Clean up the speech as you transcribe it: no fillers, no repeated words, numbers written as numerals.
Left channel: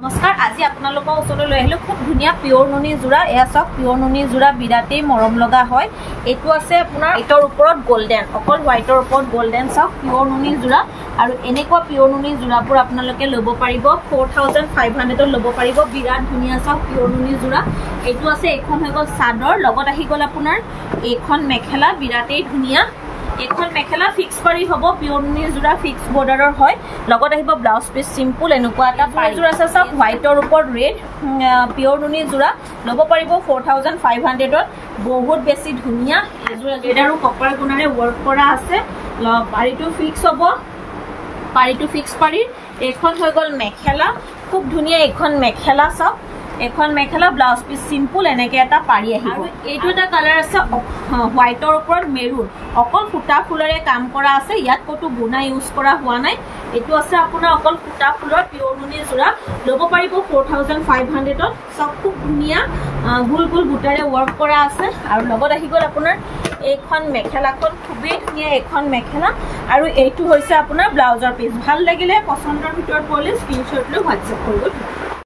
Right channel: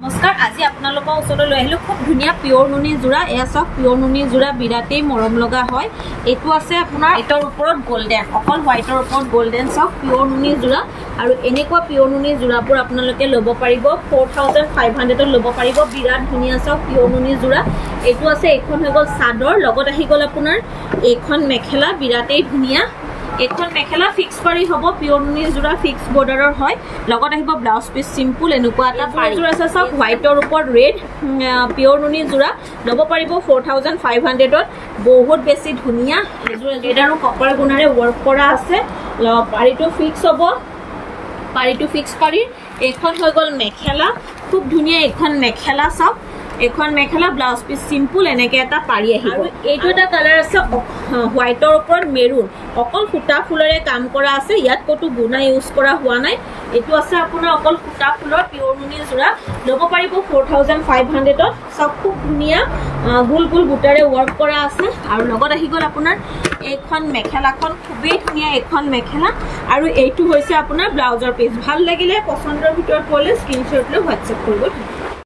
नमस्कार आज आपनालोকৰ ওচৰলৈ লৈ আহিলো খুব ধুনিয়া পিওৰ নুনি জোৰা এয়া সব পিওৰ নুনি জোৰা বিৰাটেই মৰম লগা হয় এটো আছে আপোনাৰ এটৰ ওপৰত গোল্ডেন অকল হোৱাইটৰ ওপৰত গোল্ডেন সব পিওৰ নুনি জোৰা আৰু এনেকুৱা পিওৰ নুনি জোৰাবোৰ আপোনালোকে ল'ব পাৰিব 4500 ল'ব পাৰিব বিৰাট ধুনিয়া সব পিওৰ নুনি জোৰা এটো আছে এখন হৈ গল সাদৰ লগত আহি গল আপোনাৰ এখন মেখেলা বিৰাটেই ধুনিয়া এখন মেখেলা ফিক্স পাৰি হ'ব পিওৰ নুনি জোৰা ফিক্স বৰ্ডাৰৰ হয় লগত আহিব ব্লাউজ পিস সিম্পল এনেকুৱা এটা পাৰি জোৰা আছে সব হোৱাইটৰ ওপৰত ৰেড পিওৰ নুনি জোৰা ল'ব পাৰিব 4500 ত বহুত বেছি ধুনিয়া জোৰা যেডাৰো কপাৰ গুণৰে ওয়াৰ্ক কৰা আছে পাৰিটো ফিক্স হ'ব পাৰিটো ফিক্স পাৰি এখন হৈ গল মেখেলা খুব ধুনিয়া এখন মেখেলা সব এখন মেখেলা ব্লাউজ পিস সিম্পল এনেকে এটা পাৰি আহিব এইটো এটা কালাৰ আছে হোৱাইটৰ ওপৰত মেৰুন অকল ফুটা ফুলৰে কাম কৰা আছে ইয়াত কটো গুণা ইউজ কৰা হোৱা নাই এটো আছে আপোনাৰ অকল ফুটা ফুলৰ পিওৰ নুনি জোৰা ল'ব পাৰিব 4500 ত সব খুব ধুনিয়া গুল গুল বুটাৰে ওয়াৰ্ক কৰা আছে আৰু লগত আহি গল আপোনাৰ এইখন মেখেলাখন খুবেই ধুনিয়া এখন মেখেলা আৰু এইটো হৈছে আপোনাৰ ব্লাউজৰ পিস ভাল লাগিলে পছন্দৰ ভিতৰত পলি স্ক্ৰিনশ্বট লৈ WhatsApp কৰিব